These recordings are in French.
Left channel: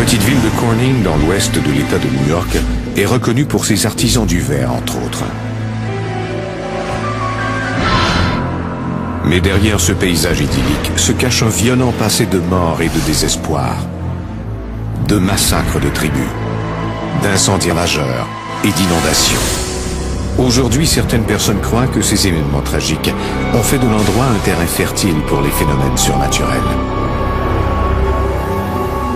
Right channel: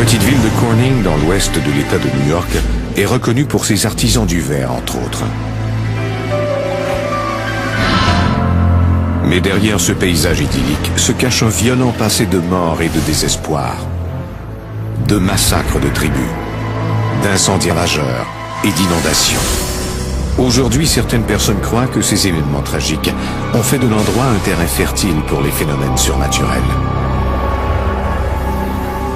petite ville de Corning, dans l'ouest de l'État de New York, est reconnue pour ses artisans du verre, entre autres. Mais derrière ce paysage idyllique se cache un violent passé de mort et de désespoir, de massacres de tribus, d'incendies ravageurs et d'inondations. Aujourd'hui, certaines personnes croient que ces événements tragiques ont fait de l'endroit un terrain fertile pour les phénomènes surnaturels.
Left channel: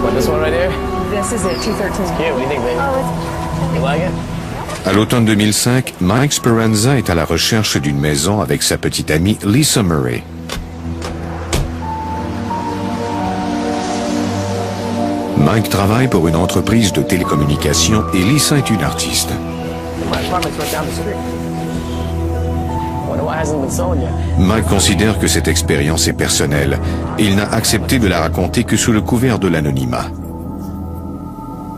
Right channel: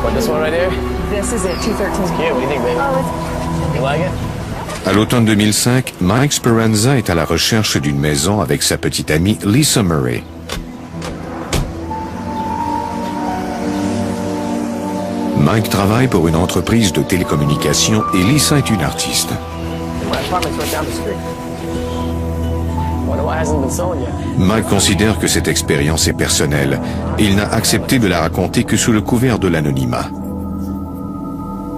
What, this one right here? This is it, 213. It's cute. What do you think, baby? Oh, it's... You like it? À l'automne 2005, Mike Speranza est à la recherche d'une maison avec sa petite amie Lisa Murray. Mike travaille pour une entreprise de télécommunications et Lisa est une artiste. My apartment's right down the street. Wonder why it hasn't been sold yet. Mike considère que cette expérience est personnelle et il n'a accepté de la raconter que sous le couvert de l'anonymat.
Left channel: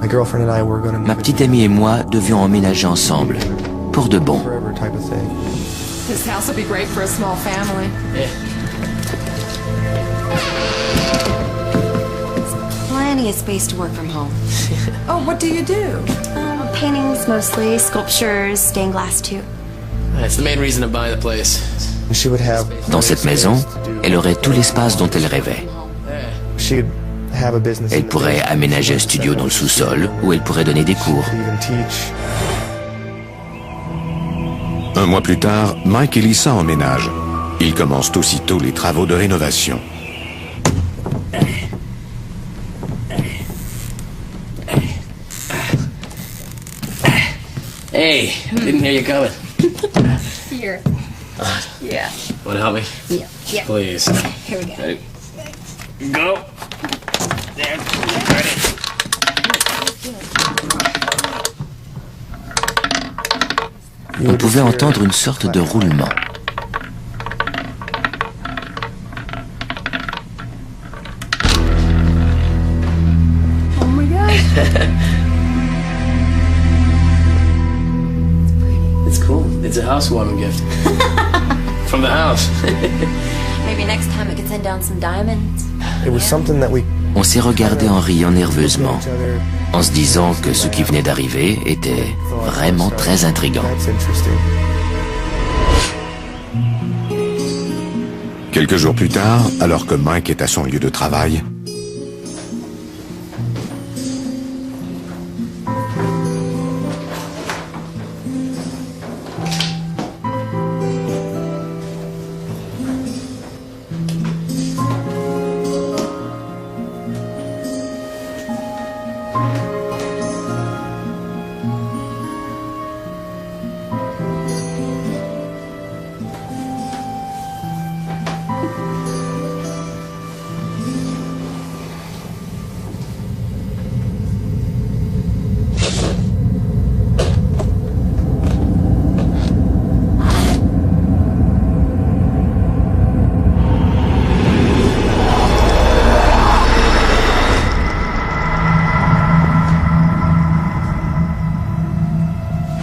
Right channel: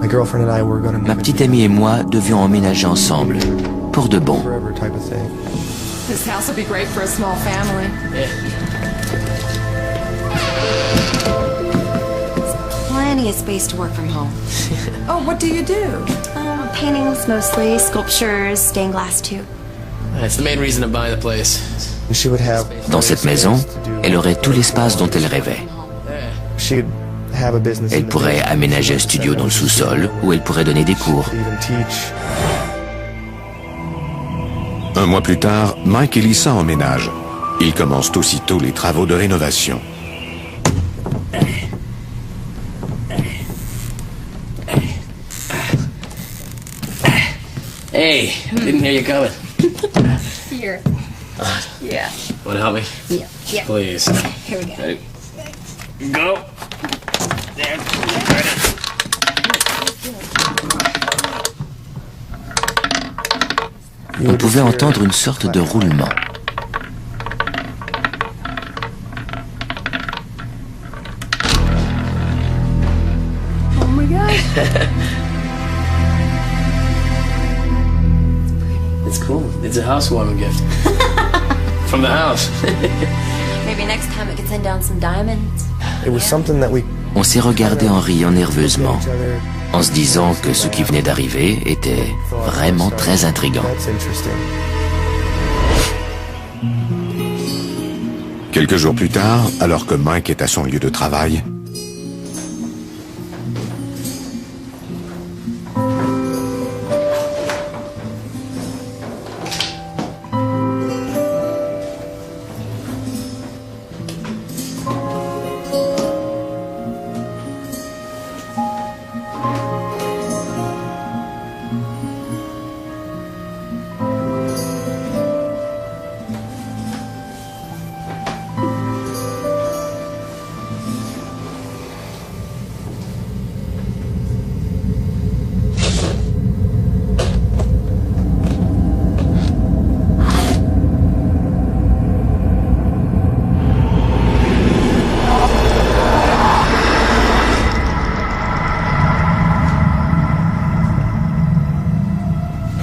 Ma petite amie et moi devions emménager ensemble, pour de bon. This house will be great for a small family. Yeah. Plenty of space to work from home. Oh, what do you do? Paintings mostly, sculptures, stained glass too. That's the main reason I'm buying the place. Dans cette maison, elle aurait tout l'espace dont elle rêvait. Elle pourrait aménager un studio dans le sous-sol où elle pourrait donner des cours. Un mois plus tard, Mike et Lisa emménagent. Ils commencent aussitôt les travaux de rénovation. Hey, didn't hear you coming. Here. Yeah. Want to help me? Yeah. Yeah. Please. Here we go. Ready? Go. There. Ready. On pouvait entendre une sorte de roulement. Oh my gosh. It's cool. It's a housewarming gift. From the house. Maybe next time we could send down some diamonds. On s'est regardé en riant nerveusement, en se disant que ce qui venait d'arriver était vraiment très intriguant. Quelques jours plus tard, alors que Mike est à son lieu de travail,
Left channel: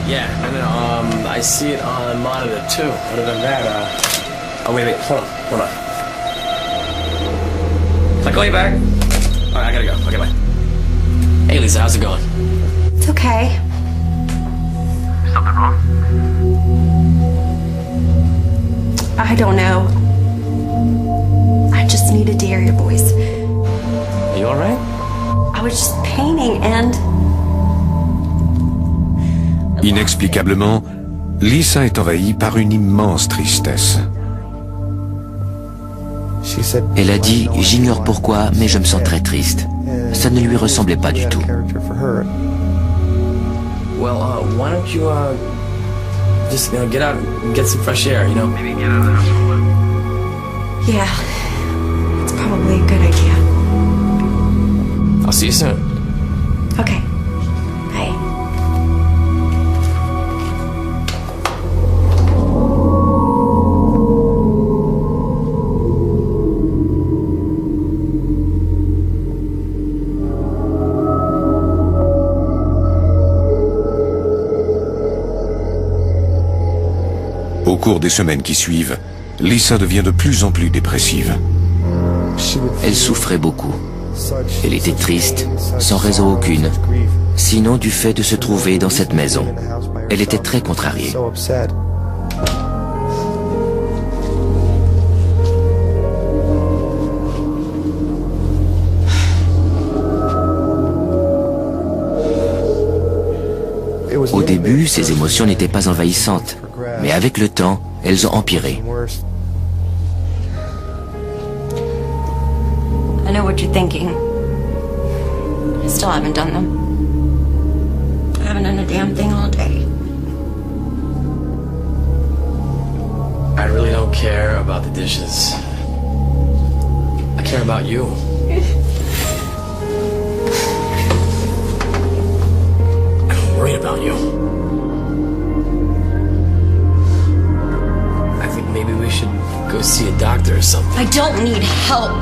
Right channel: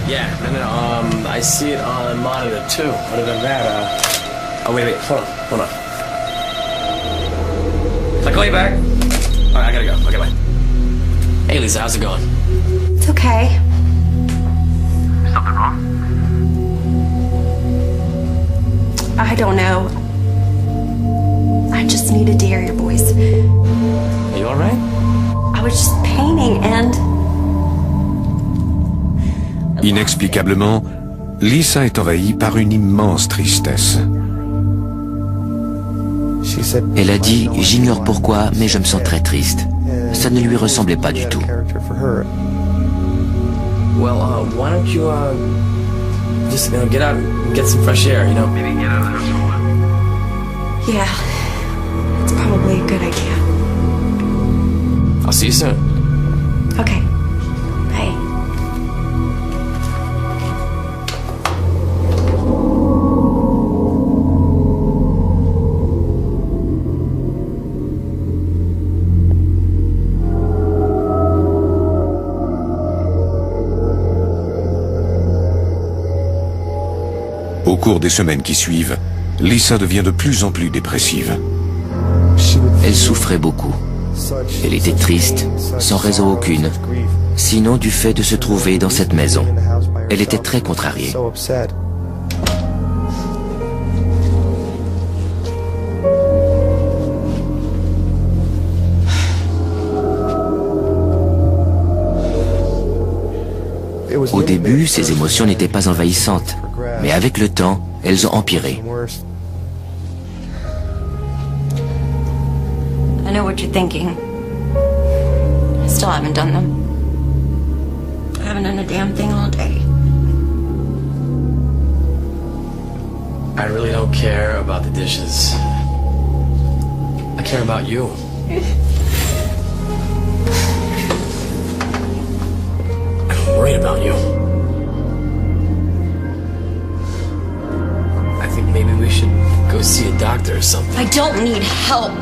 Yeah, no. I see it on monitor too. Other than that, oh wait, hold on. Can I call you back? All right, I gotta go. Okay, bye. Hey, Lisa, how's it going? It's okay. Something wrong? I don't know. I just needed to hear your voice. Are you all right? I was just painting and... inexplicablement, Lisa est envahie par une immense tristesse. Elle a dit « J'ignore pourquoi, mais je me sens très triste ». Ça ne lui ressemblait pas du tout. Well, why don't you, just, get out and get some fresh air, you know? Maybe get out of the house for a while. Yeah, it's probably a good idea. I'll see you soon. Okay, bye. Au cours des semaines qui suivent, Lisa devient de plus en plus dépressive. Elle souffrait beaucoup. Elle était triste, sans raison aucune, sinon du fait de se trouver dans cette maison. Elle était très contrariée. Au début, ses émotions n'étaient pas envahissantes, mais avec le temps, elles ont empiré. I know what you're thinking. I still haven't done them. I haven't done a damn thing all day. I really don't care about the dishes. I care about you. I'm worried about you. I think maybe we should go see a doctor or something. I don't need help.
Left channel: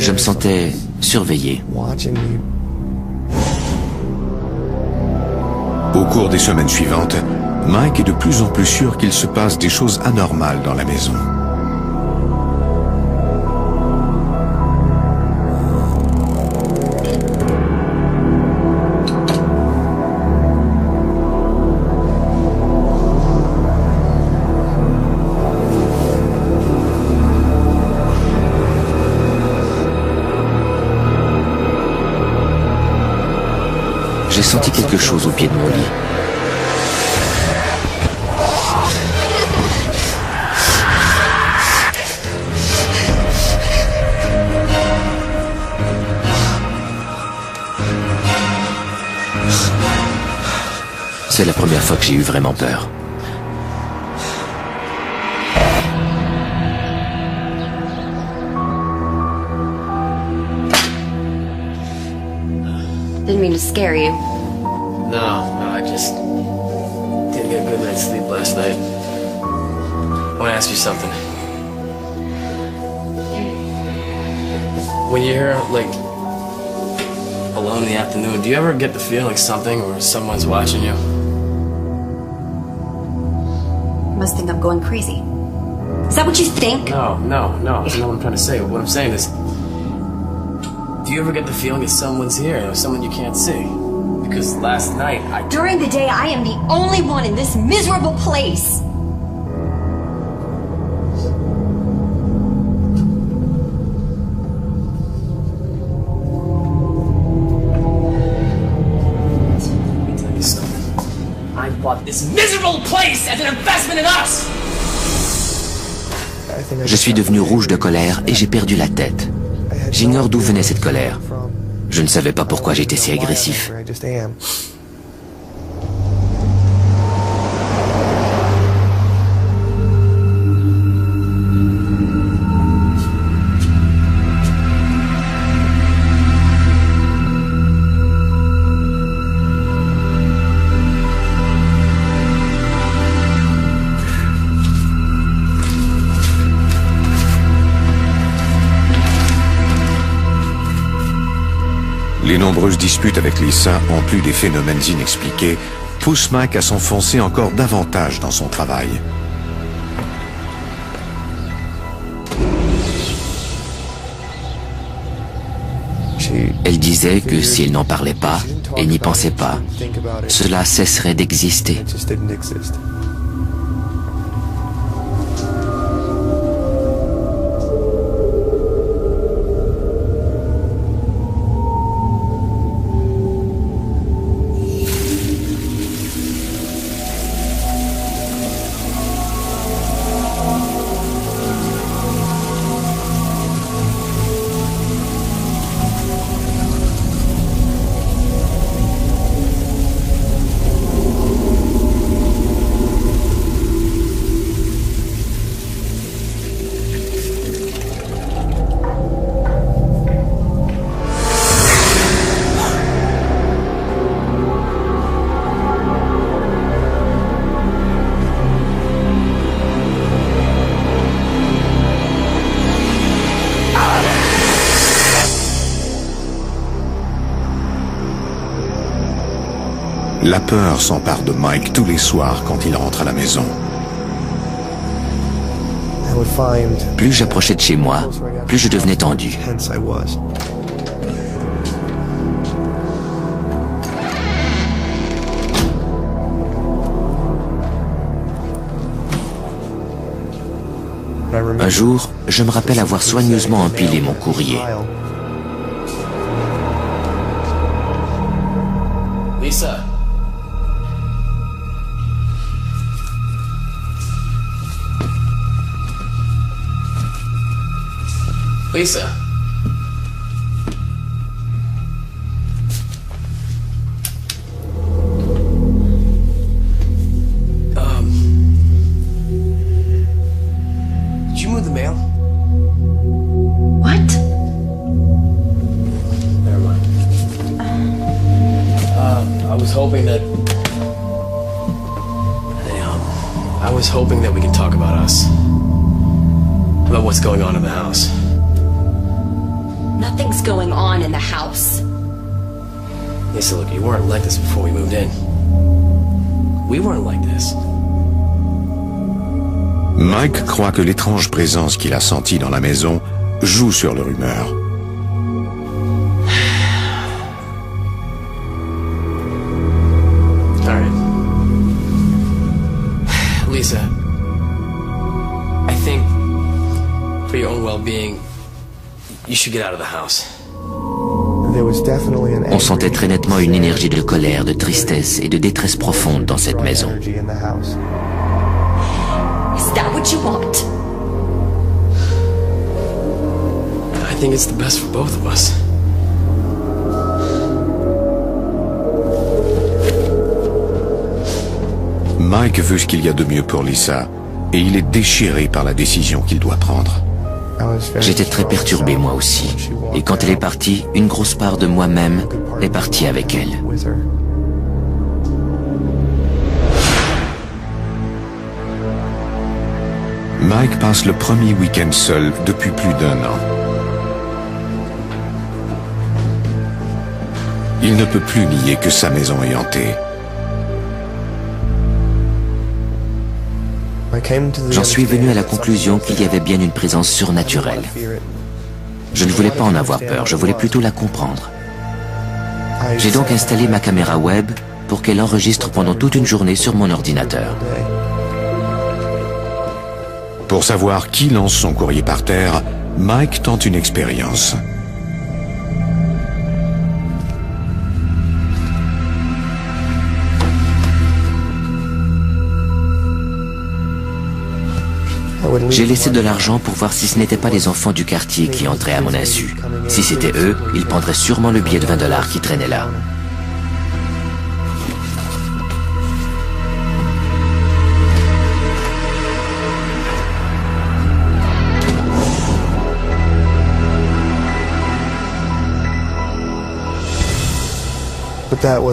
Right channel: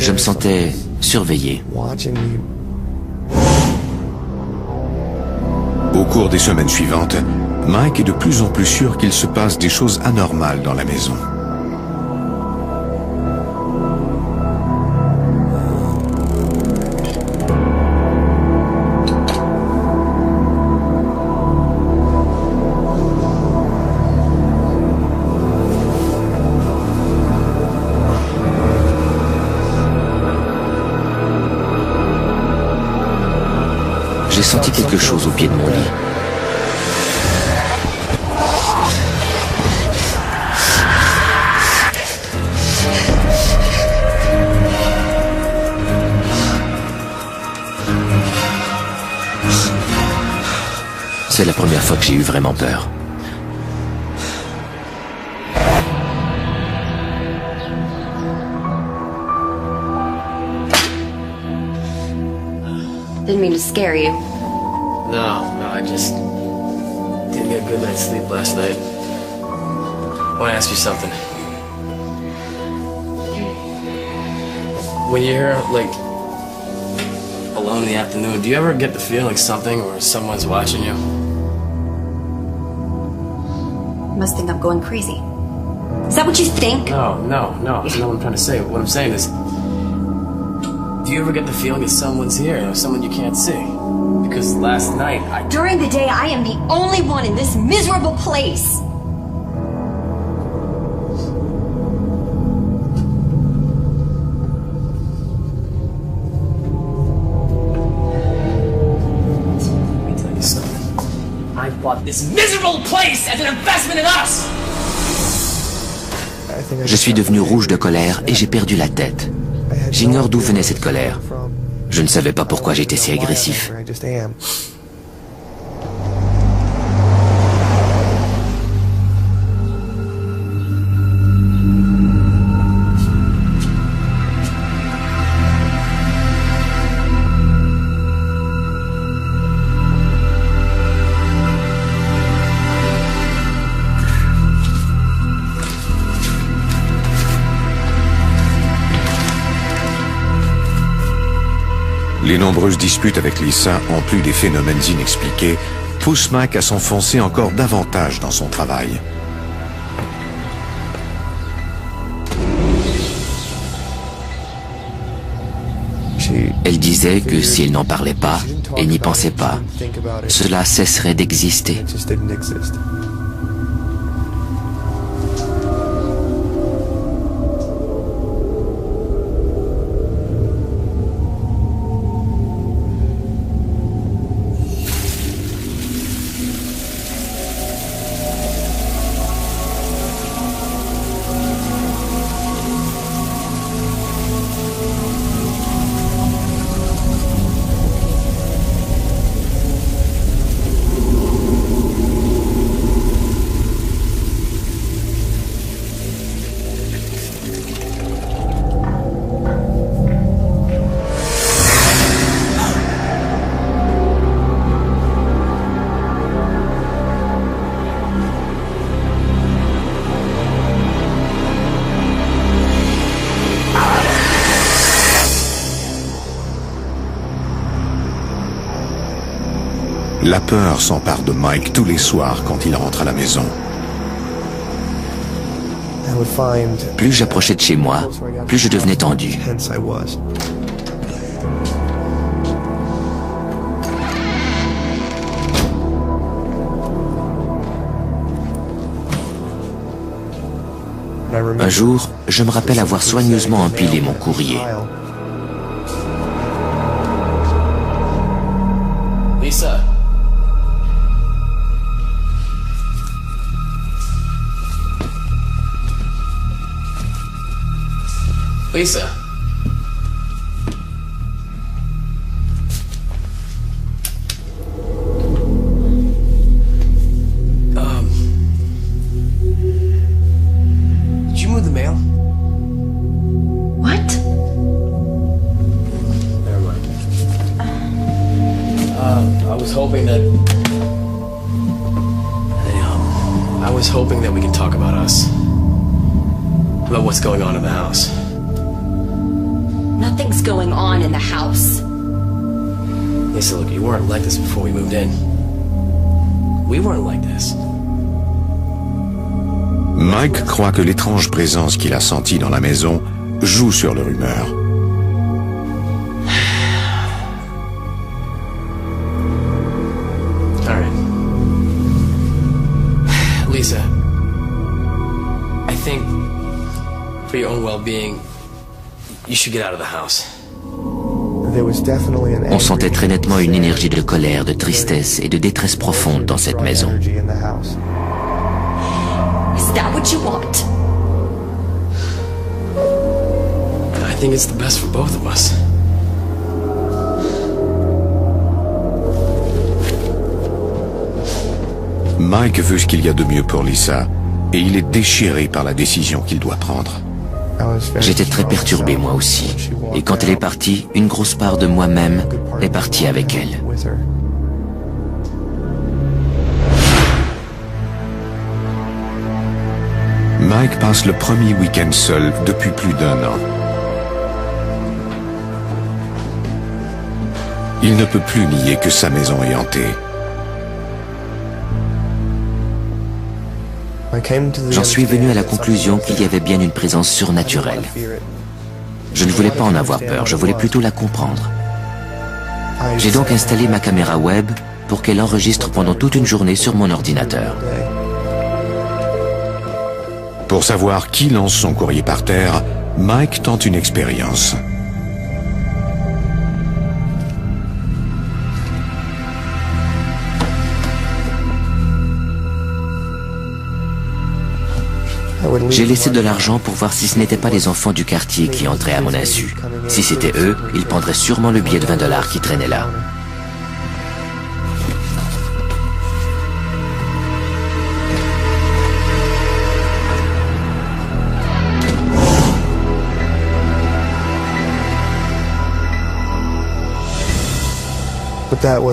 Je me sentais surveillé. Au cours des semaines suivantes, Mike est de plus en plus sûr qu'il se passe des choses anormales dans la maison. J'ai senti quelque chose au pied de mon lit. C'est la première fois que j'ai eu vraiment peur. Didn't mean to scare you. No, I just didn't get a good night's sleep last night. I want to ask you something. When you're, like, alone in the afternoon, do you ever get the feeling like something or someone's watching you? You must think I'm going crazy. Is that what you think? No, that's not what I'm trying to say. What I'm saying is, do you ever get the feeling that someone's here or someone you can't see? Because last night, During the day, I am the only one in this miserable place. Let me tell you something. I bought this miserable place as an investment in us! Je suis devenu rouge de colère et j'ai perdu la tête. J'ignore d'où venait cette colère. Je ne savais pas pourquoi j'étais si agressif. Les nombreuses disputes avec Lisa, en plus des phénomènes inexpliqués, poussent Mike à s'enfoncer encore davantage dans son travail. Elle disait que s'il n'en parlait pas et n'y pensait pas, cela cesserait d'exister. La peur s'empare de Mike tous les soirs quand il rentre à la maison. Plus j'approchais de chez moi, plus je devenais tendu. Un jour, je me rappelle avoir soigneusement empilé mon courrier. Lisa. Lisa. Did you move the mail? What? Never mind. I was hoping that... I was hoping that we could talk about us. About what's going on in the house. Nothing's going on in the house. Lisa, look, you weren't like this before we moved in. We weren't like this. Mike croit que l'étrange présence qu'il a sentie dans la maison joue sur leur humeur. All right. Lisa, I think for your own well-being, you should get out of the house. On sentait très nettement une énergie de colère, de tristesse et de détresse profonde dans cette maison. Is that what you want? I think it's the best for both of us. Mike veut ce qu'il y a de mieux pour Lisa et il est déchiré par la décision qu'il doit prendre. J'étais très perturbé moi aussi. Et quand elle est partie, une grosse part de moi-même est partie avec elle. Mike passe le premier week-end seul depuis plus d'1 an. Il ne peut plus nier que sa maison est hantée. J'en suis venu à la conclusion qu'il y avait bien une présence surnaturelle. Je ne voulais pas en avoir peur, je voulais plutôt la comprendre. J'ai donc installé ma caméra web pour qu'elle enregistre pendant toute une journée sur mon ordinateur. Pour savoir qui lance son courrier par terre, Mike tente une expérience. J'ai laissé de l'argent pour voir si ce n'étaient pas les enfants du quartier qui entraient à mon insu. Si c'était eux, ils prendraient sûrement le billet de 20 $ qui traînait là.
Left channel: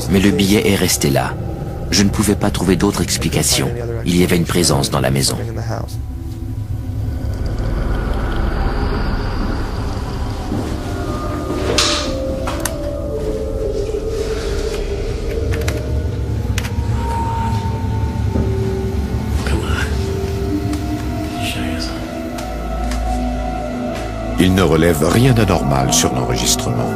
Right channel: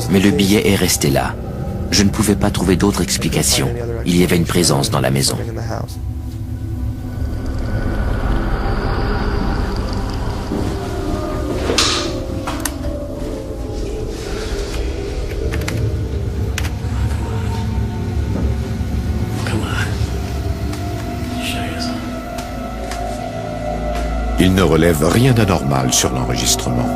Mais le billet est resté là. Je ne pouvais pas trouver d'autre explication. Il y avait une présence dans la maison. Il ne relève rien d'anormal sur l'enregistrement.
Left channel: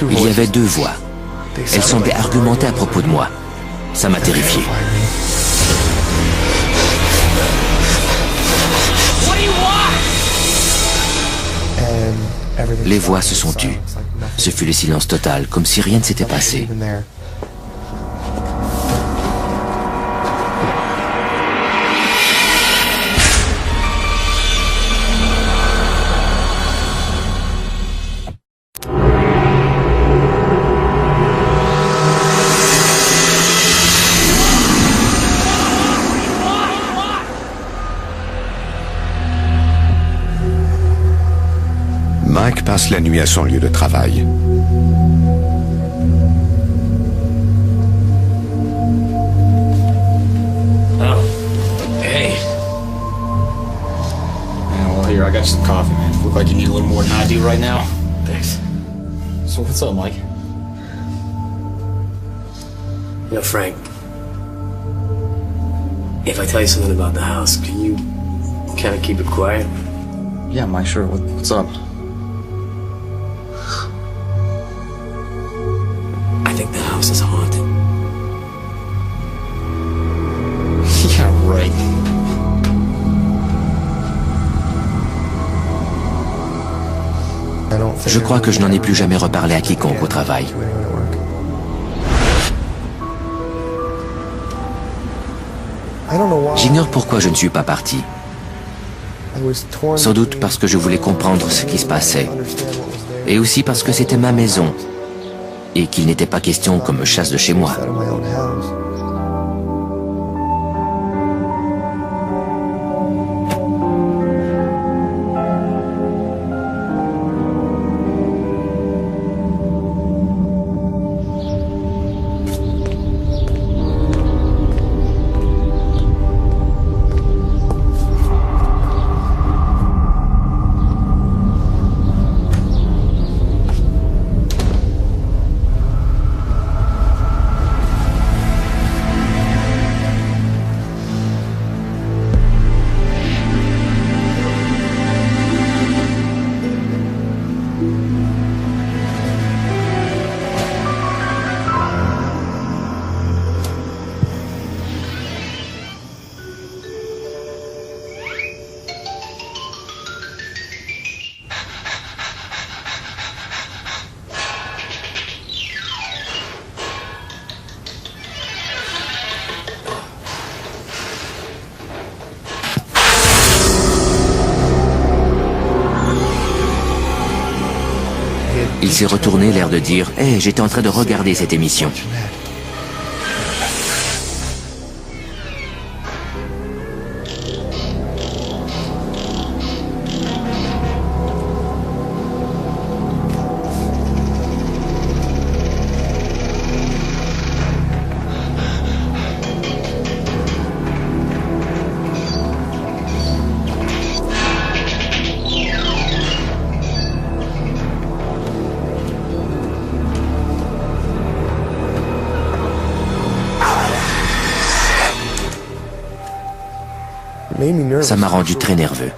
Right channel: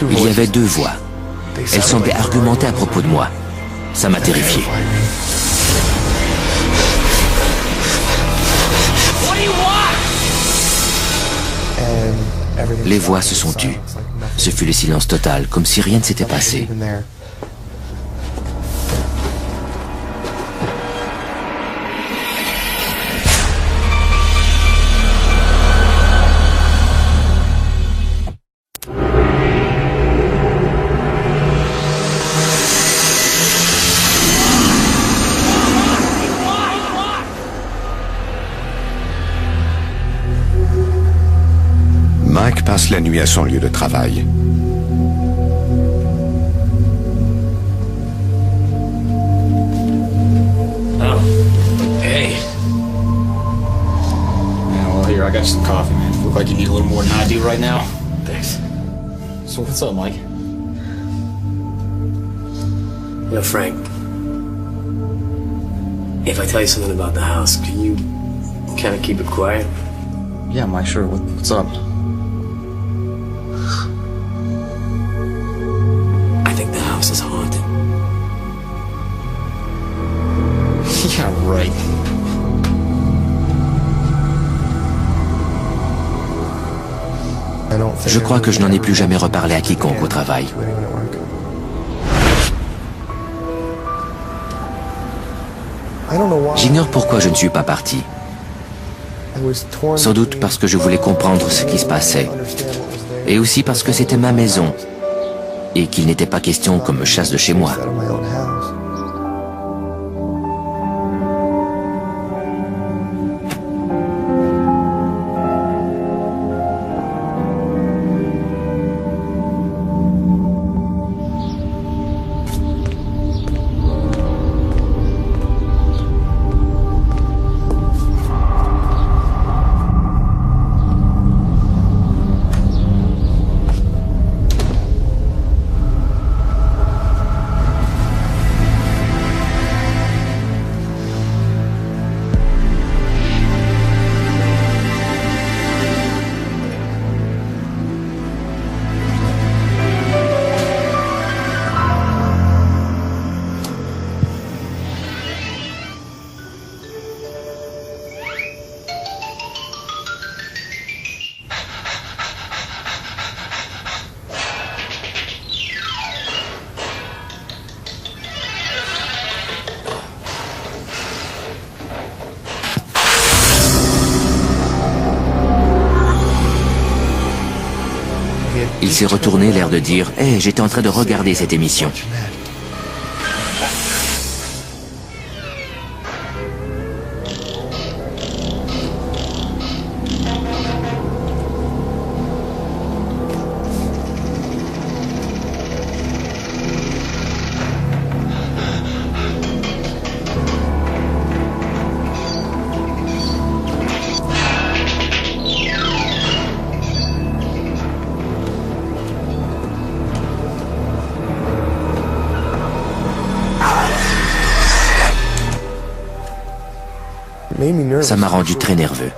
Il y avait deux voix. Elles semblaient argumenter à propos de moi. Ça m'a terrifié. Les voix se sont tues. Ce fut le silence total, comme si rien ne s'était passé. Mike passe la nuit à son lieu de travail. Oh, hey. Yeah, well, here, I got you some coffee, man. Look like you need a little more than I do right now. Thanks. So what's up, Mike? You know, Frank, if I tell you something about the house, can you kind of keep it quiet? Yeah, Mike, sure. What's up? I think the house is haunted. Yeah, right. Je crois que je n'en ai plus jamais reparlé à quiconque au travail. J'ignore pourquoi je ne suis pas parti. Sans doute parce que je voulais comprendre ce qui se passait. Et aussi parce que c'était ma maison. Et qu'il n'était pas question qu'on me chasse de chez moi. Il s'est retourné, l'air de dire « Hey, j'étais en train de regarder cette émission. » Ça m'a rendu très nerveux.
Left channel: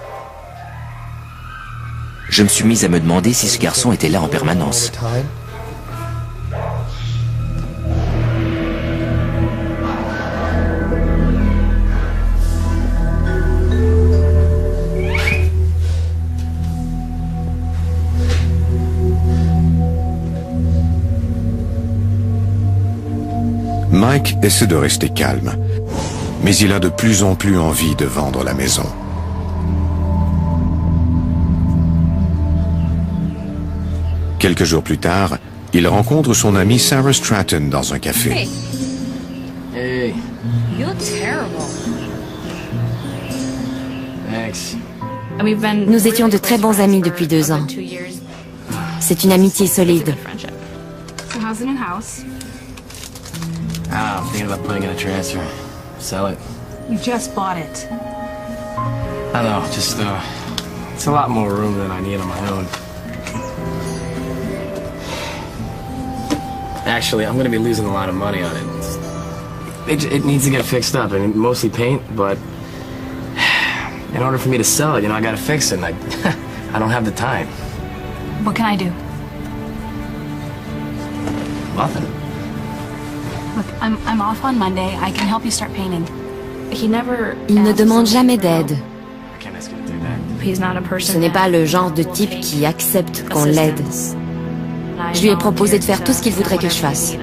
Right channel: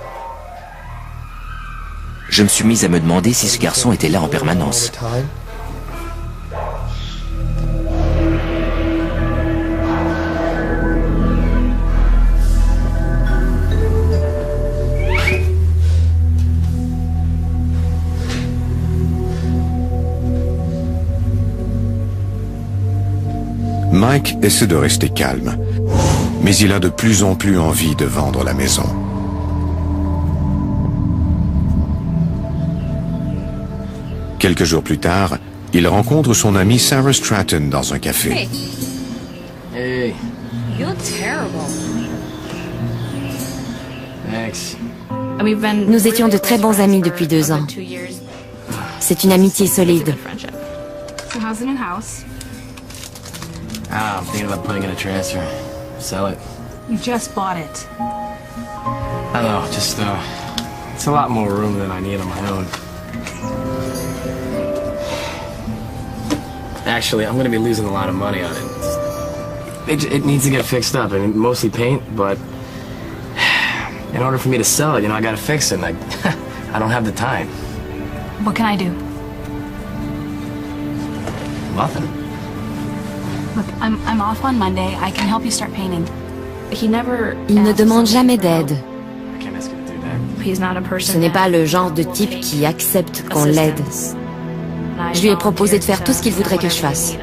Je me suis mis à me demander si ce garçon était là en permanence. Mike essaie de rester calme, mais il a de plus en plus envie de vendre la maison. Quelques jours plus tard, il rencontre son amie Sarah Stratton dans un café. Hey, You're terrible. thanks. Nous étions de très bons amis depuis 2 ans. C'est une amitié solide. So how's the new house? Ah, I'm thinking about putting in a transfer. Sell it. You just bought it. I know, just, it's a lot more room than I need on my own. Actually, I'm gonna be losing a lot of money on it. It needs to get fixed up. I mean, mostly paint, but in order for me to sell it, you know, I gotta fix it, and I don't have the time. What can I do? Nothing. Look, I'm off on Monday. I can help you start painting. Il ne demande jamais d'aide. I can't ask you to do that. Ce n'est pas le genre de type qui accepte qu'on l'aide. Je lui ai proposé de faire tout ce qu'il voudrait que je fasse.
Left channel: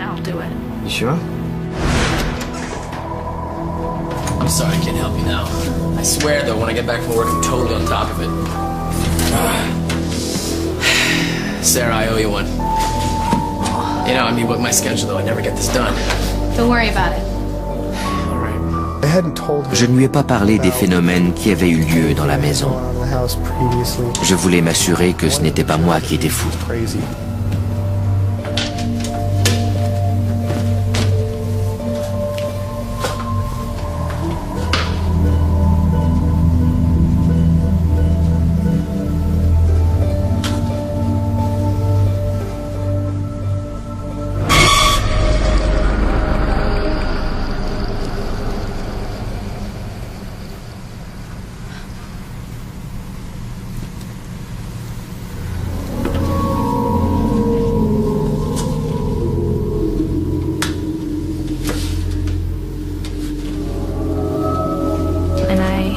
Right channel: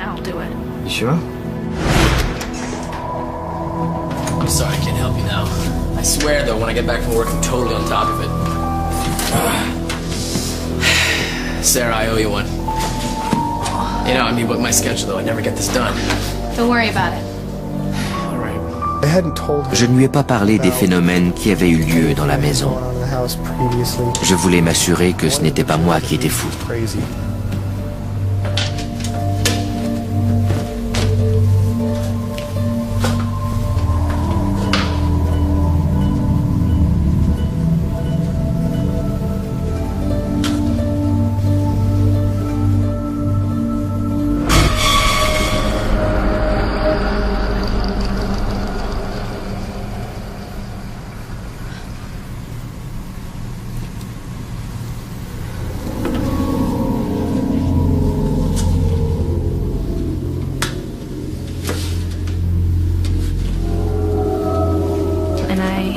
You sure? I'm sorry, I can't help you now. I swear, though, when I get back from work, I'm totally on top of it. Sarah, I owe you one. You know, I mean, with my schedule, though, I never get this done. Don't worry about it. All right. Je ne lui ai pas parlé des phénomènes qui avaient eu lieu dans la maison. Je voulais m'assurer que ce n'était pas moi qui étais fou.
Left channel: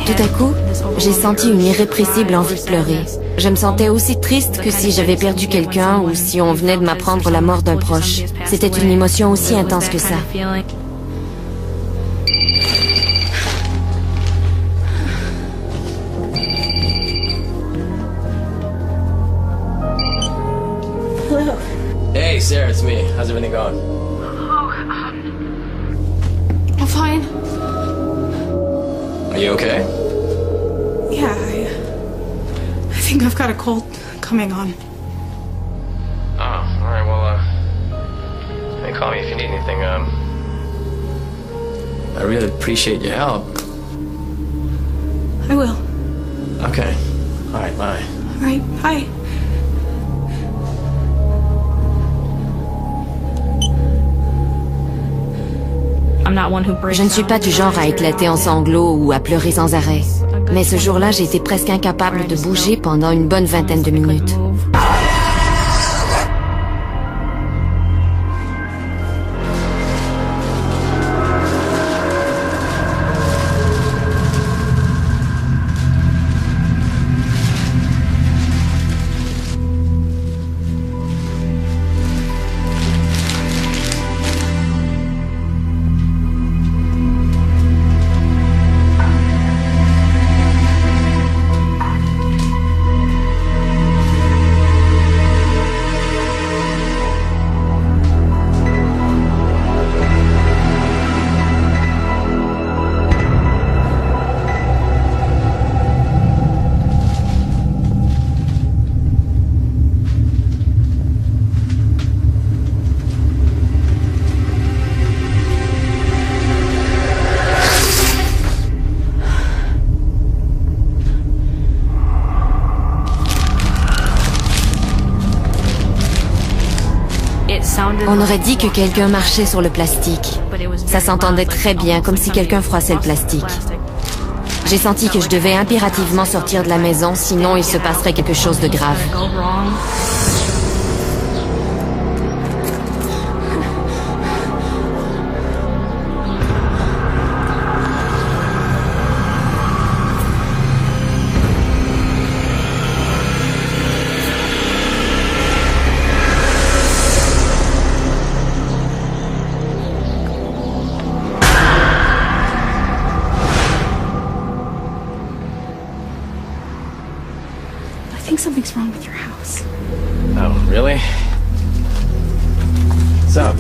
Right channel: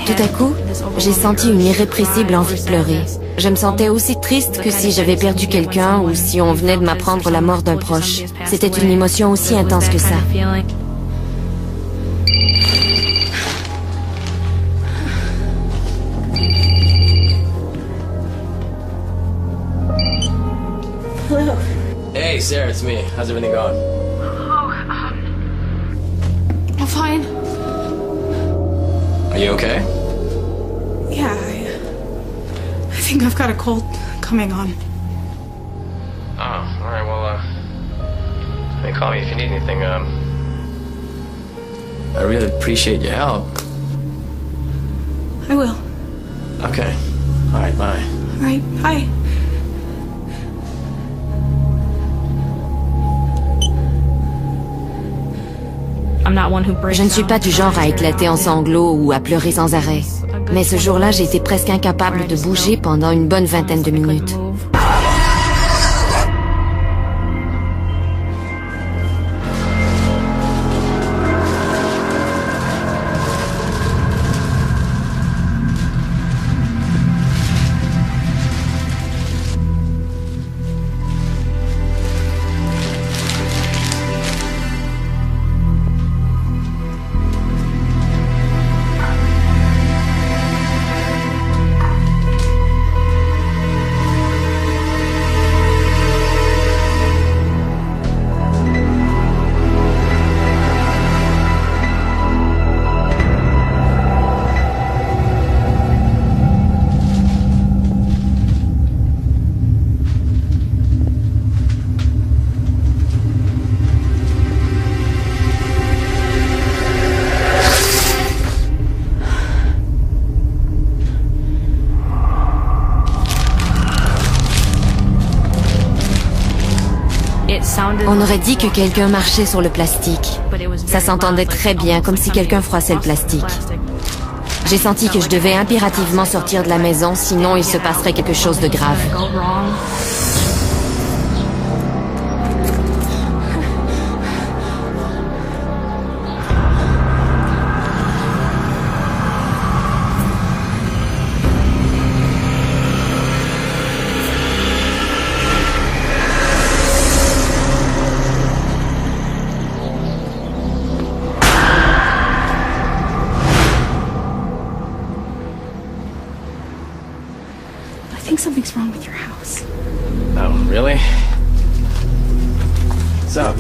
Tout à coup, j'ai senti une irrépressible envie de pleurer. Je me sentais aussi triste que si j'avais perdu quelqu'un ou si on venait de m'apprendre la mort d'un proche. C'était une émotion aussi intense que ça. Hey, Sarah, it's me. How's everything going? I'm fine. Are you okay? Yeah, I think I've got a cold coming on. Oh, all right. Well, hey, call me if you need anything. I really appreciate your help. I will. Okay. All right. Bye. All right, bye. Je ne suis pas du genre à éclater en sanglots ou à pleurer sans arrêt. Mais ce jour-là, j'ai été presque incapable de bouger pendant une bonne vingtaine de minutes. On aurait dit que quelqu'un marchait sur le plastique. Ça s'entendait très bien, comme si quelqu'un froissait le plastique. J'ai senti que je devais impérativement sortir de la maison, sinon il se passerait quelque chose de grave. I think something's wrong with your house. Oh, really? What's up?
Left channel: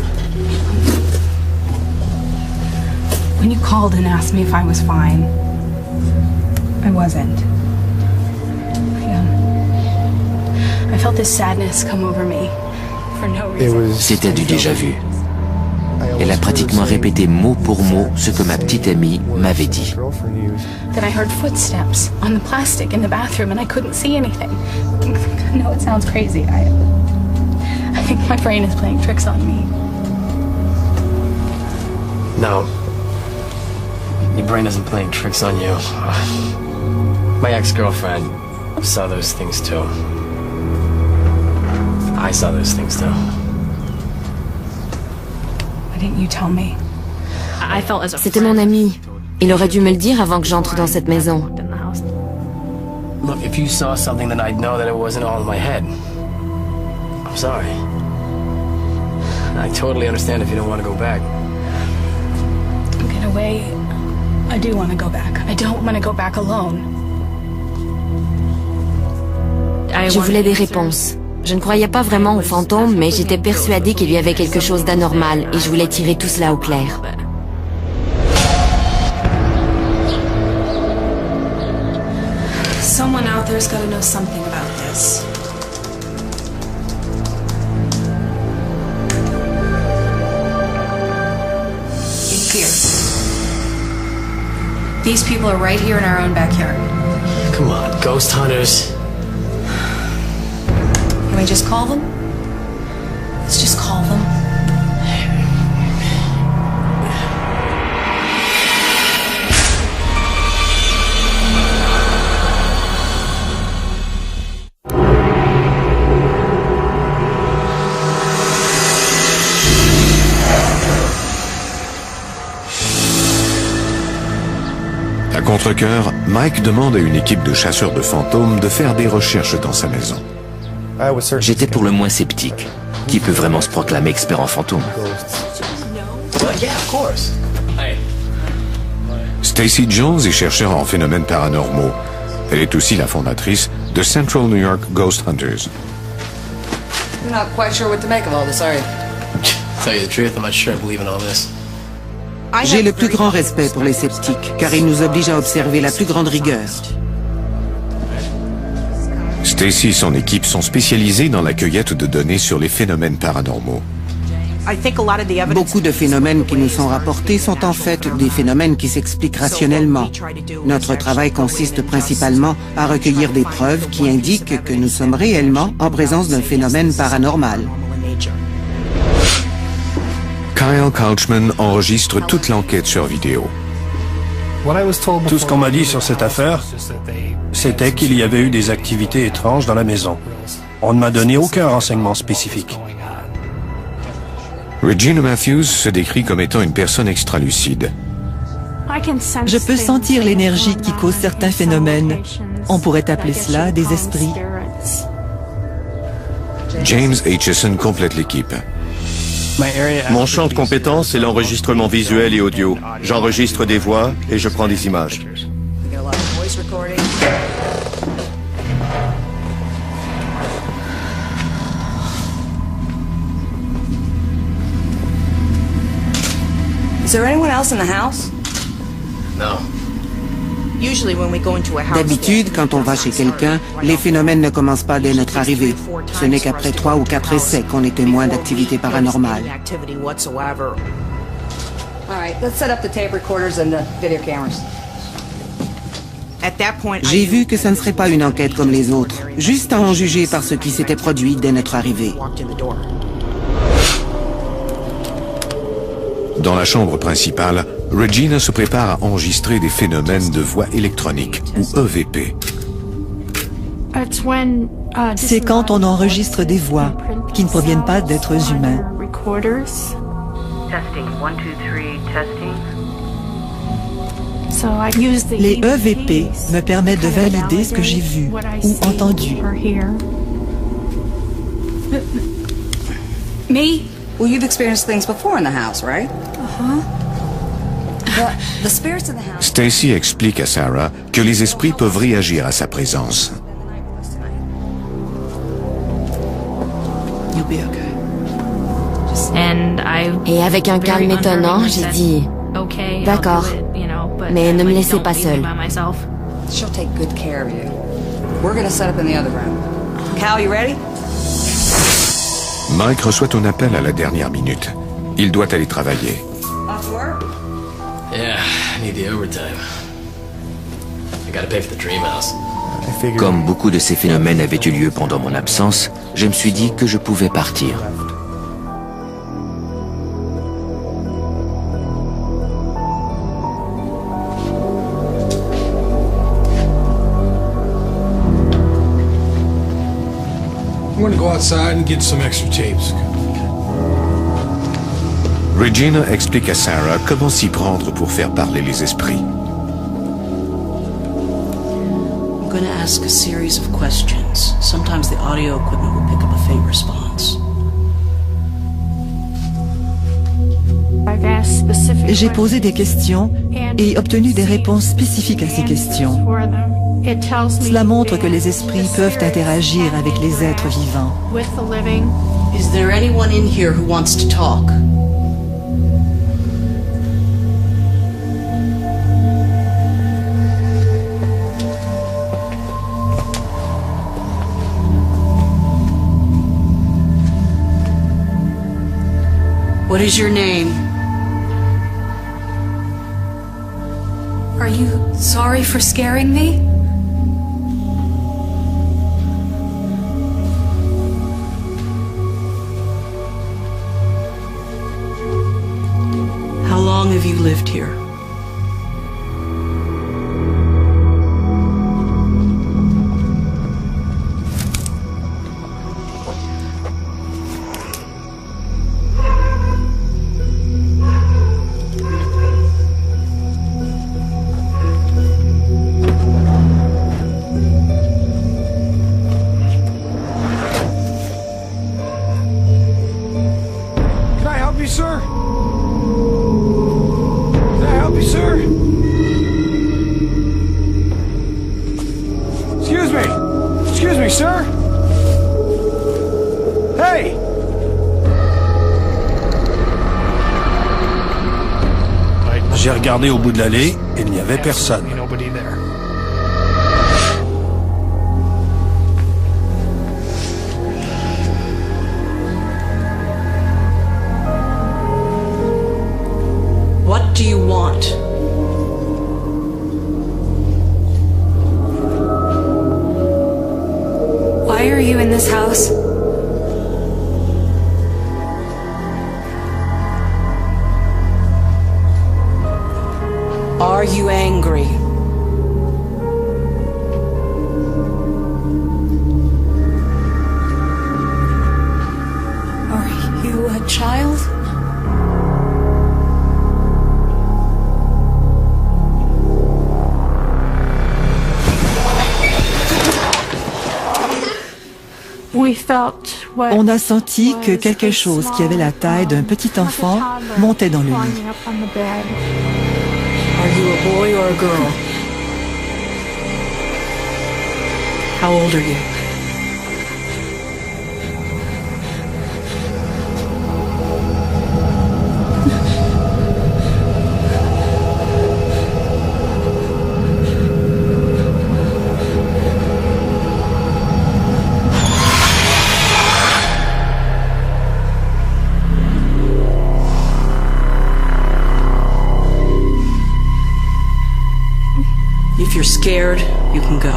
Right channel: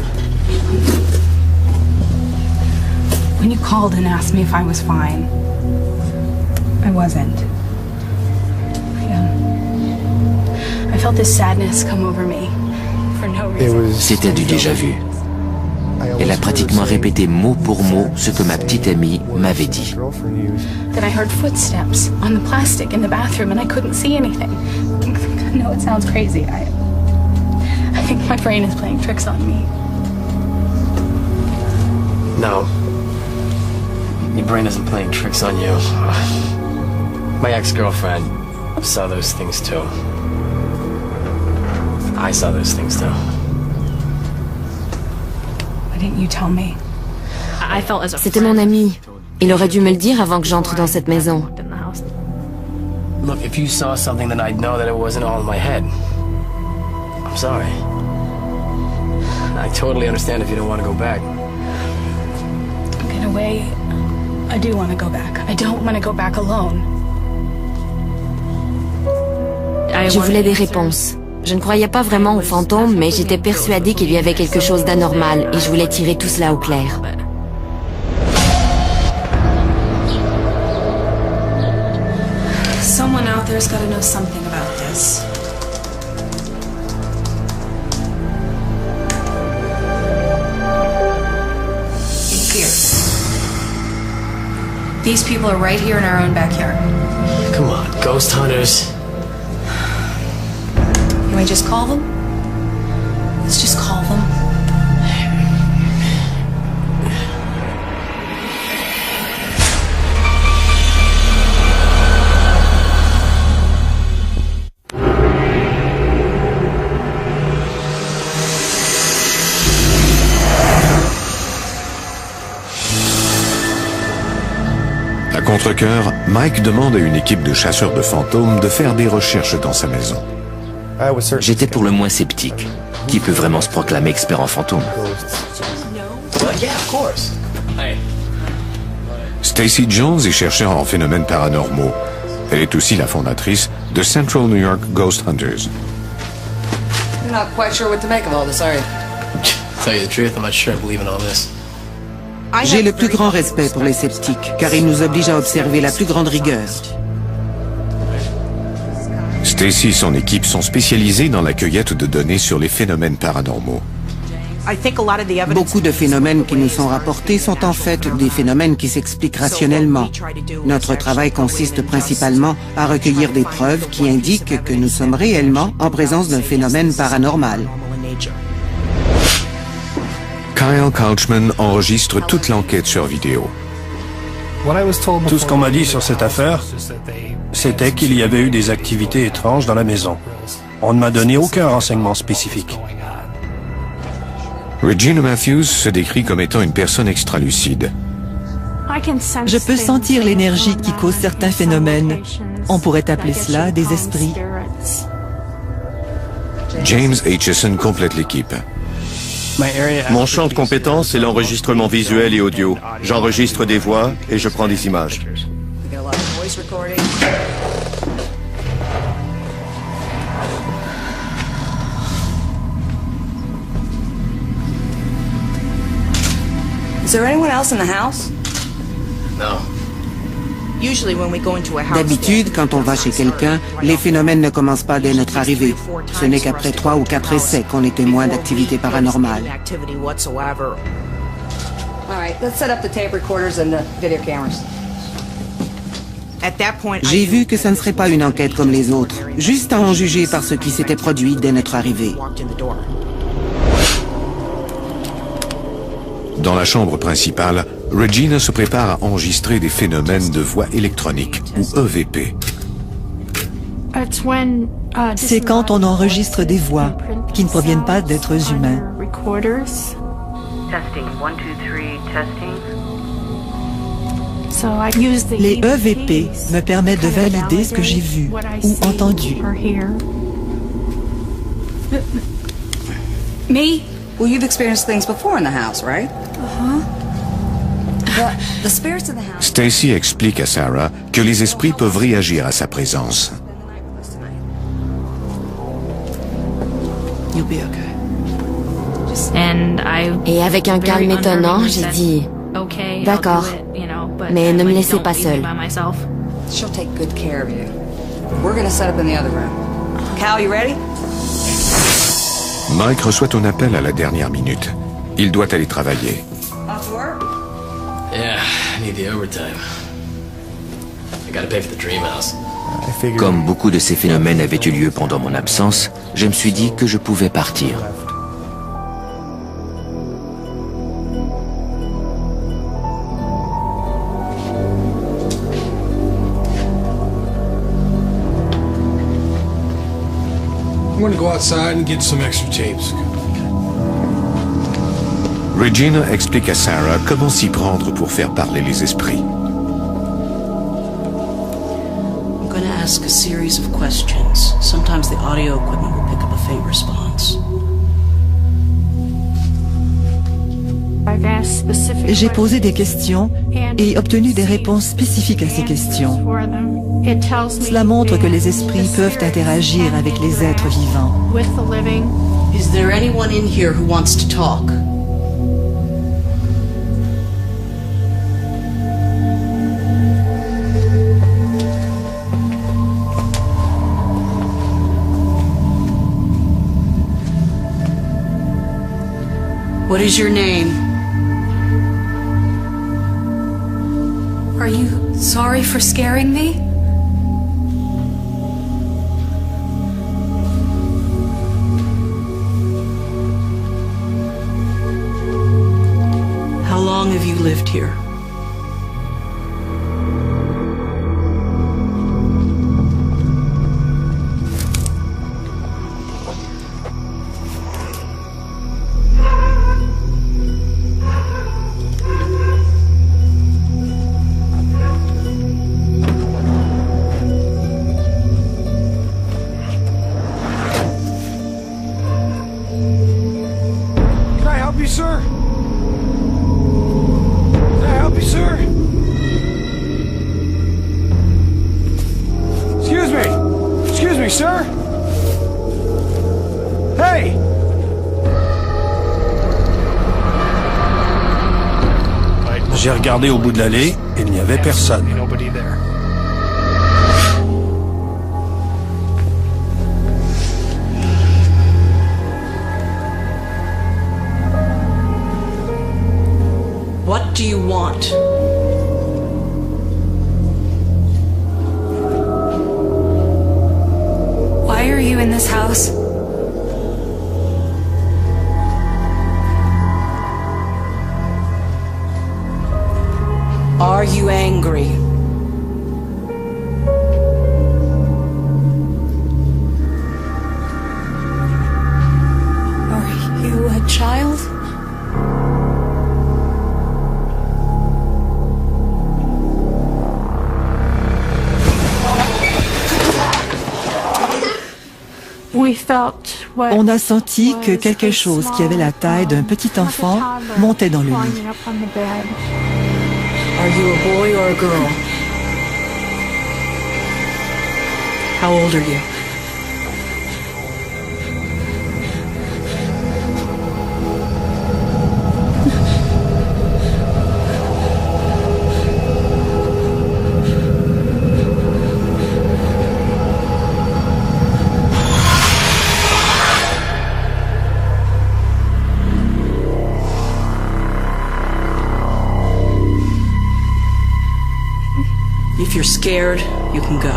When you called and asked me if I was fine, I wasn't. I felt this sadness come over me for no reason. C'était du déjà-vu. Elle a pratiquement répété mot pour mot ce que ma petite amie m'avait dit. Then I heard footsteps on the plastic in the bathroom and I couldn't see anything. I know it sounds crazy. I think my brain is playing tricks on me. No. Your brain isn't playing tricks on you. My ex-girlfriend saw those things too. I saw those things too. didn't you tell me? C'était mon ami. Il aurait dû me le dire avant que j'entre dans cette maison. Look, if you saw something, then I'd know that it wasn't all in my head. I'm sorry. I totally understand if you don't want to go back. In a way, I do want to go back. I don't want to go back alone. Je voulais des réponses. Je ne croyais pas vraiment aux fantômes, mais j'étais persuadée qu'il y avait quelque chose d'anormal et je voulais tirer tout cela au clair. Someone out there's got to know something about this. Here. These people are right here in our own backyard. Come on, ghost hunters. Can we just call them? Let's just call them. À contre-cœur, Mike demande à une équipe de chasseurs de fantômes de faire des recherches dans sa maison. J'étais pour le moins sceptique. Qui peut vraiment se proclamer expert en fantômes? Yeah, of course. Hey. Stacy Jones est chercheur en phénomènes paranormaux. Elle est aussi la fondatrice de Central New York Ghost Hunters. You're not quite sure what to make of all this, are you? To tell you the truth, I'm not sure I believe in all this. J'ai le plus grand respect pour les sceptiques, car ils nous obligent à observer la plus grande rigueur. Stacy et son équipe sont spécialisés dans la cueillette de données sur les phénomènes paranormaux. Beaucoup de phénomènes qui nous sont rapportés sont en fait des phénomènes qui s'expliquent rationnellement. Notre travail consiste principalement à recueillir des preuves qui indiquent que nous sommes réellement en présence d'un phénomène paranormal. Kyle Couchman enregistre toute l'enquête sur vidéo. Tout ce qu'on m'a dit sur cette affaire, c'était qu'il y avait eu des activités étranges dans la maison. On ne m'a donné aucun renseignement spécifique. Regina Matthews se décrit comme étant une personne extralucide. Je peux sentir l'énergie qui cause certains phénomènes. On pourrait appeler cela des esprits. James Aitchison complète l'équipe. Mon champ de compétence est l'enregistrement visuel et audio. J'enregistre des voix et je prends des images. Is there anyone else in the house? No. D'habitude, quand on va chez quelqu'un, les phénomènes ne commencent pas dès notre arrivée. Ce n'est qu'après 3 ou 4 essais qu'on est témoin d'activités paranormales. J'ai vu que ce ne serait pas une enquête comme les autres, juste à en juger par ce qui s'était produit dès notre arrivée. Dans la chambre principale, Regina se prépare à enregistrer des phénomènes de voix électronique, ou EVP. C'est quand on enregistre des voix qui ne proviennent pas d'êtres humains. Les EVP me permettent de valider ce que j'ai vu ou entendu. Me? Well, you've experienced things before in the house, right? The spirits in the house. Stacy explique à Sarah que les esprits peuvent réagir à sa présence. You'll be okay. Et avec un calme étonnant, j'ai dit « D'accord, mais ne me laissez pas seule. » She'll take good care of you. We're gonna set up in the other room. Cal, you ready? Mike reçoit un appel à la dernière minute. Il doit aller travailler. Off to work? Yeah, I need the overtime. I gotta pay for the dream house. Comme beaucoup de ces phénomènes avaient eu lieu pendant mon absence, je me suis dit que je pouvais partir. I'm gonna go outside and get some extra tapes. Regina explique à Sarah comment s'y prendre pour faire parler les esprits. I'm going to ask a series of questions. Sometimes the audio equipment will pick up a faint response. J'ai posé des questions et obtenu des réponses spécifiques à ces questions. Cela montre que les esprits peuvent interagir avec les êtres vivants. Is there anyone in here who wants to talk? What is your name? Are you sorry for scaring me? How long have you lived here? Sir? Can I help you, sir? Excuse me. Excuse me, sir. Hey! J'ai regardé au bout de l'allée et il n'y avait personne. What do you want? Why are you in this house? Are you angry? Are you a child? On a senti que quelque chose qui avait la taille d'un petit enfant montait dans le lit. Are you a boy or a girl? How old are you? If you're scared, you can go.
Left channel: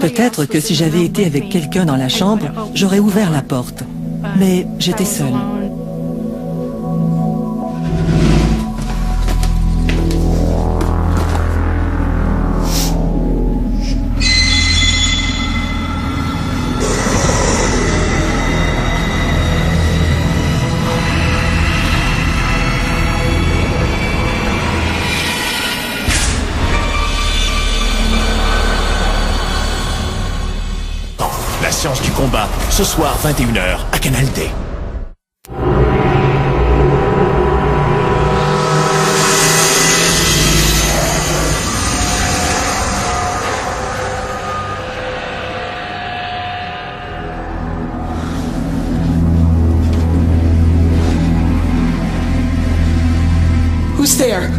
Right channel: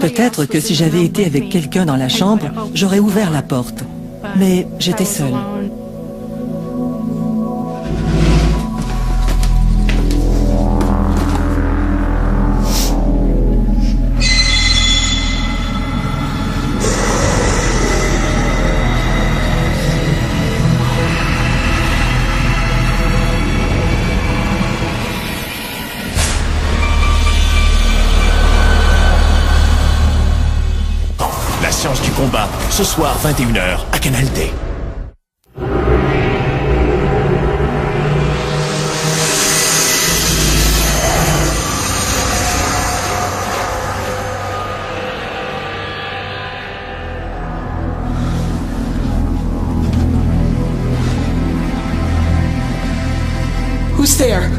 Peut-être que si j'avais été avec quelqu'un dans la chambre, j'aurais ouvert la porte. Mais j'étais seule. Science du combat, ce soir 21h à Canal D. Who's there?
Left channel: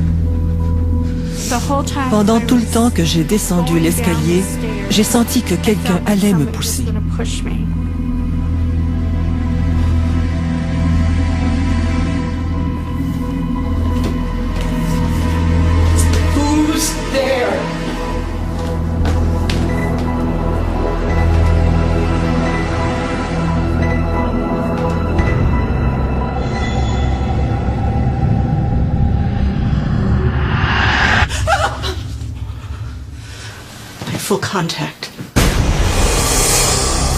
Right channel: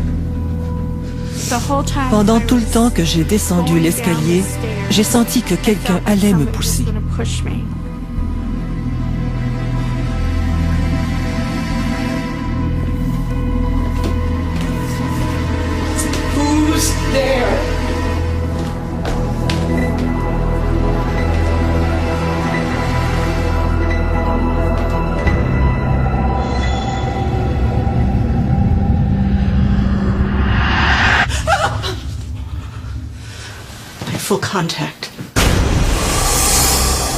Pendant tout le temps que j'ai descendu l'escalier, j'ai senti que quelqu'un allait me pousser. Who's there? Full contact.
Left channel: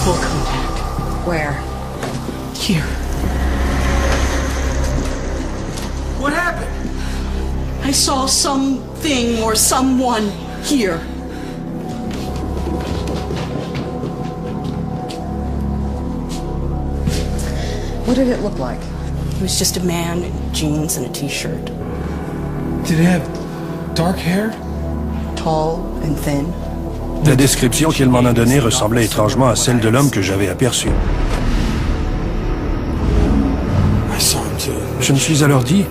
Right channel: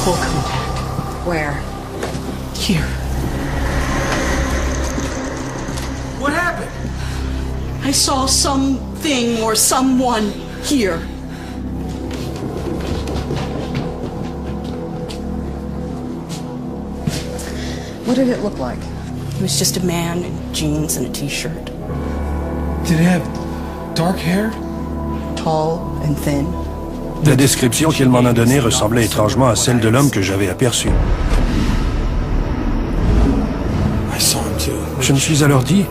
Full contact. Where? Here. What happened? I saw something or someone here. What did it look like? It was just a man in jeans and a t-shirt. Did it have dark hair? Tall and thin. La description qu'elle m'en a donnée ressemblait étrangement à celle de l'homme que j'avais aperçu. Je me suis alors dit,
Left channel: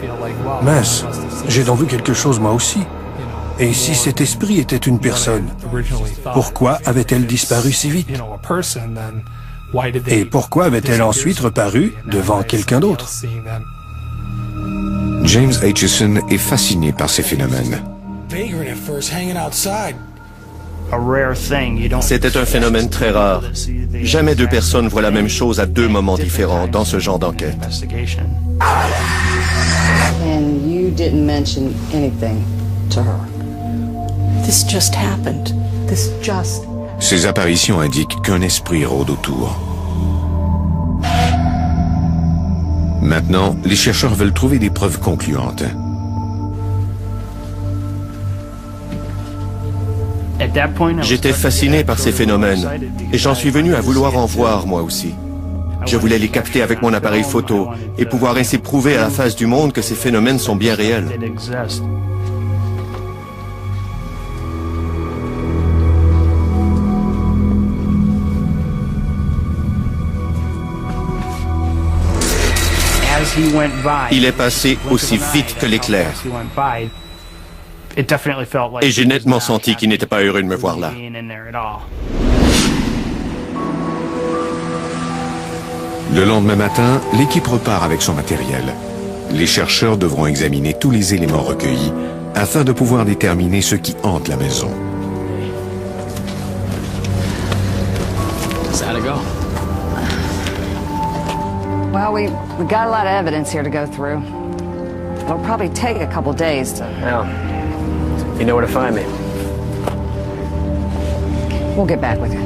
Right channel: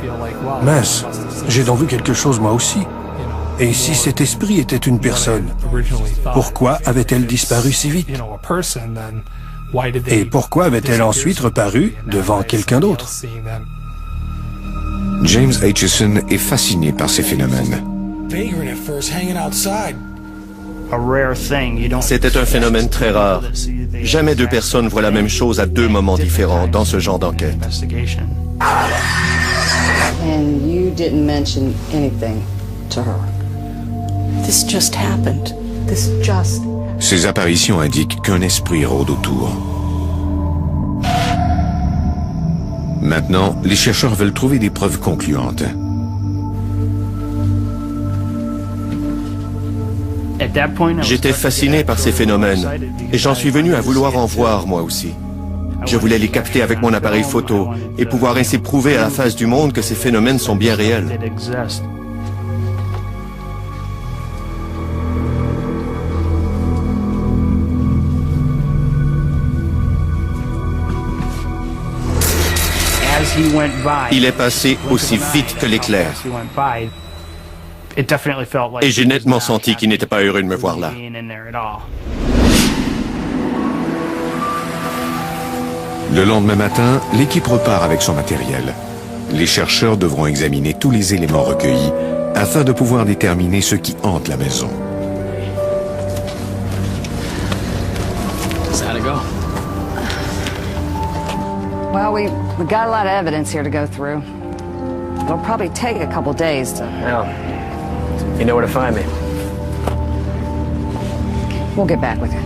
mince, j'ai donc vu quelque chose moi aussi. Et si cet esprit était une personne, pourquoi avait-elle disparu si vite? Et pourquoi avait-elle ensuite reparu devant quelqu'un d'autre? James Aitchison est fasciné par ces phénomènes. C'était un phénomène très rare. Jamais deux personnes voient la même chose à deux moments différents dans ce genre d'enquête. And you didn't mention anything to her. This just happened. This just... Ces apparitions indiquent qu'un esprit rôde autour. Maintenant, les chercheurs veulent trouver des preuves concluantes. J'étais fasciné par ces phénomènes et j'en suis venu à vouloir en voir moi aussi. Je voulais les capter avec mon appareil photo et pouvoir ainsi prouver à la face du monde que ces phénomènes sont bien réels. Il est passé aussi vite que l'éclair. Et j'ai nettement senti qu'il n'était pas heureux de me voir là. Le lendemain matin, l'équipe repart avec son matériel. Les chercheurs devront examiner tous les éléments recueillis afin de pouvoir déterminer ce qui hante la maison. How'd it go? Well, we got a lot of evidence here to go through. It'll probably take a couple days to... Well, you know where to find me. We'll get back with you.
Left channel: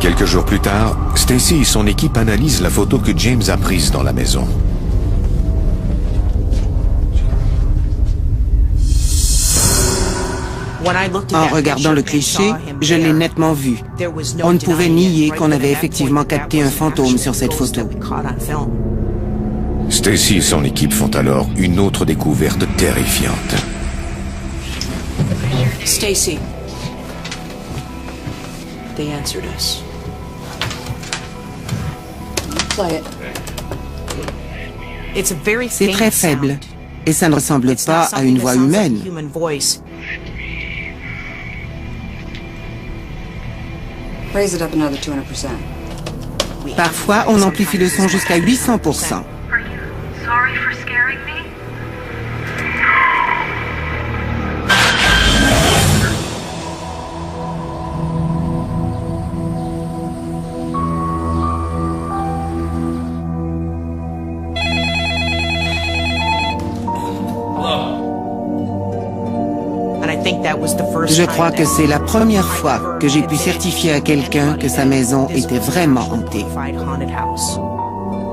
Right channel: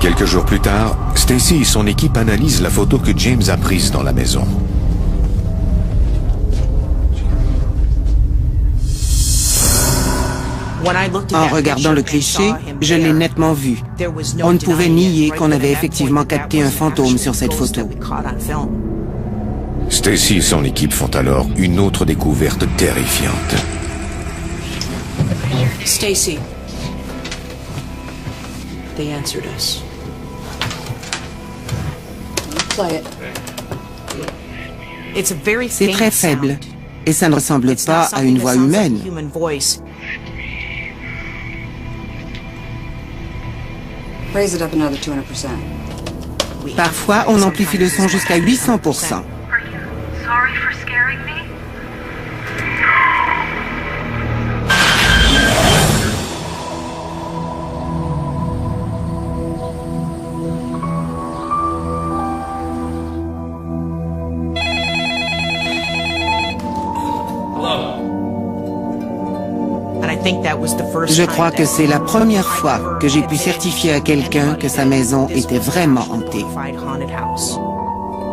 Quelques jours plus tard, Stacy et son équipe analysent la photo que James a prise dans la maison. En regardant le cliché, je l'ai nettement vu. On ne pouvait nier qu'on avait effectivement capté un fantôme sur cette photo. Stacy et son équipe font alors une autre découverte terrifiante. Stacy. They answered us. Play it. C'est très faible, et ça ne ressemble pas à une voix humaine. Raise it up another 200%. Parfois, on amplifie le son jusqu'à 800%. Sorry for scaring me. Je crois que c'est la première fois que j'ai pu certifier à quelqu'un que sa maison était vraiment hantée.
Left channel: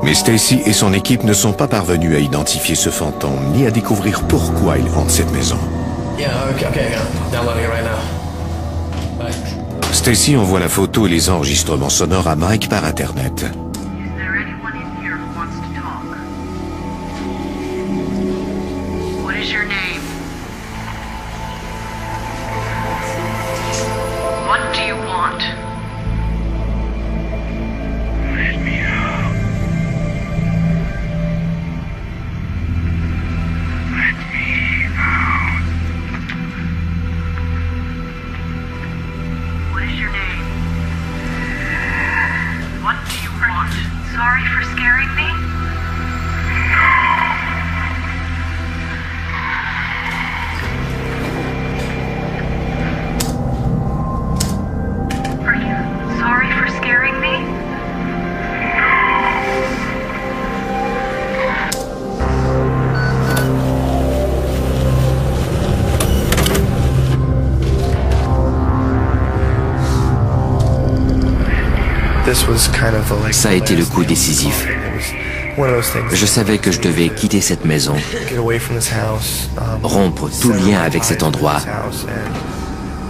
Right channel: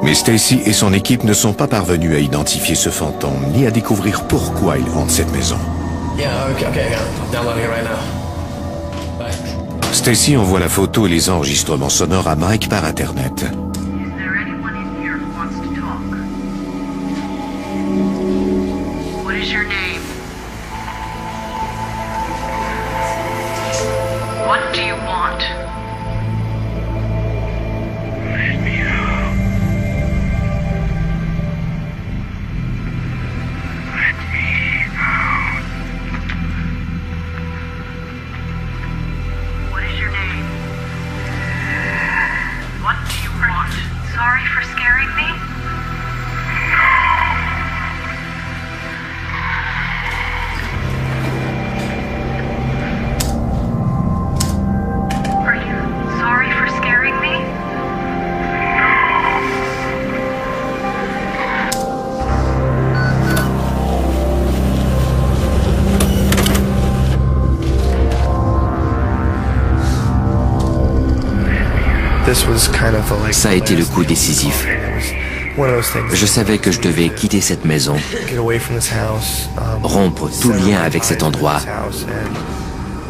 Mais Stacy et son équipe ne sont pas parvenus à identifier ce fantôme, ni à découvrir pourquoi il hante cette maison. Stacy envoie la photo et les enregistrements sonores à Mike par Internet. What do you want? Let me out. Ça a été le coup décisif. Je savais que je devais quitter cette maison, rompre tout lien avec cet endroit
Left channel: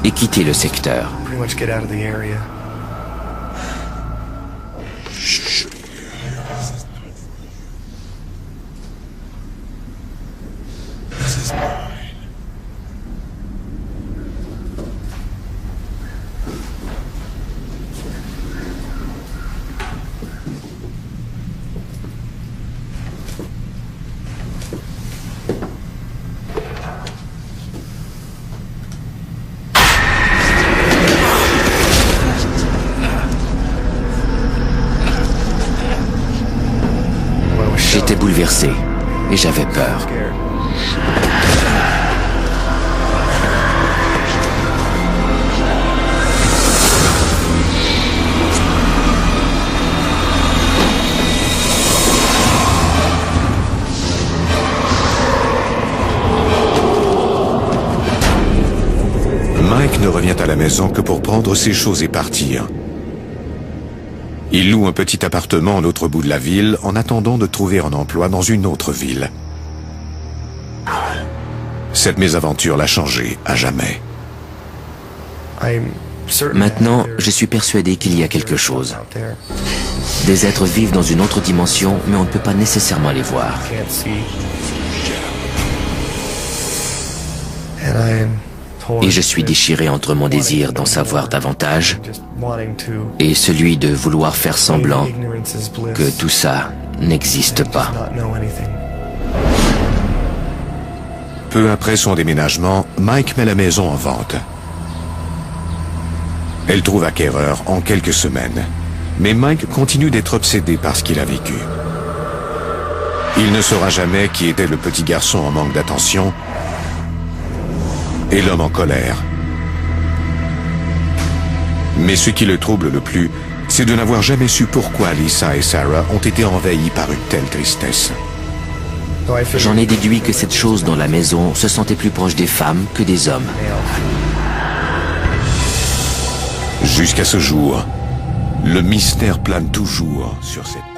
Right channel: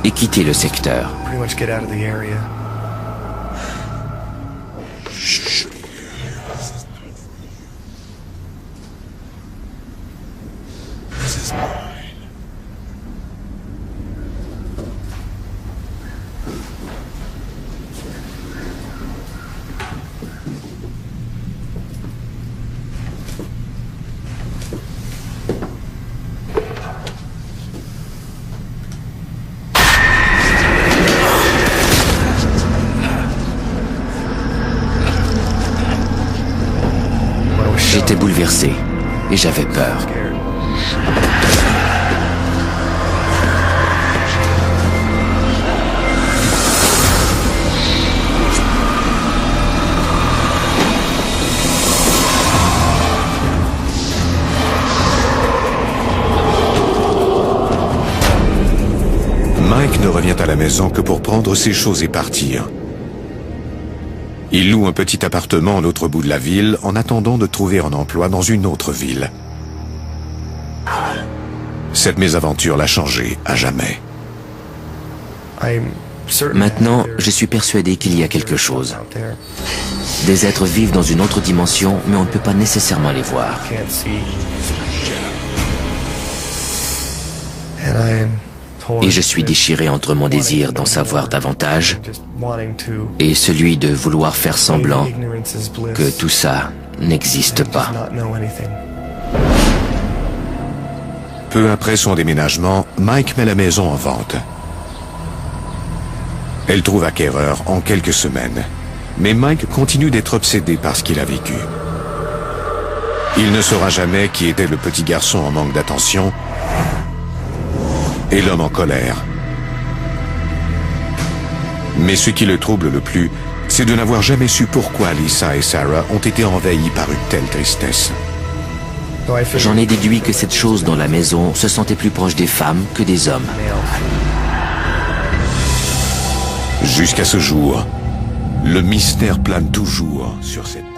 et quitter le secteur. J'étais bouleversé et j'avais peur. Mike ne revient à la maison que pour prendre ses choses et partir. Il loue un petit appartement à l'autre bout de la ville en attendant de trouver un emploi dans une autre ville. Cette mésaventure l'a changé à jamais. Maintenant, je suis persuadé qu'il y a quelque chose. Des êtres vivent dans une autre dimension, mais on ne peut pas nécessairement les voir. Et je suis déchiré entre mon désir d'en savoir davantage et celui de vouloir faire semblant que tout ça n'existe pas. Peu après son déménagement, Mike met la maison en vente. Elle trouve acquéreur en quelques semaines. Mais Mike continue d'être obsédé par ce qu'il a vécu. Il ne saura jamais qui était le petit garçon en manque d'attention et l'homme en colère. Mais ce qui le trouble le plus, c'est de n'avoir jamais su pourquoi Lisa et Sarah ont été envahies par une telle tristesse. J'en ai déduit que cette chose dans la maison se sentait plus proche des femmes que des hommes. Jusqu'à ce jour, le mystère plane toujours sur cette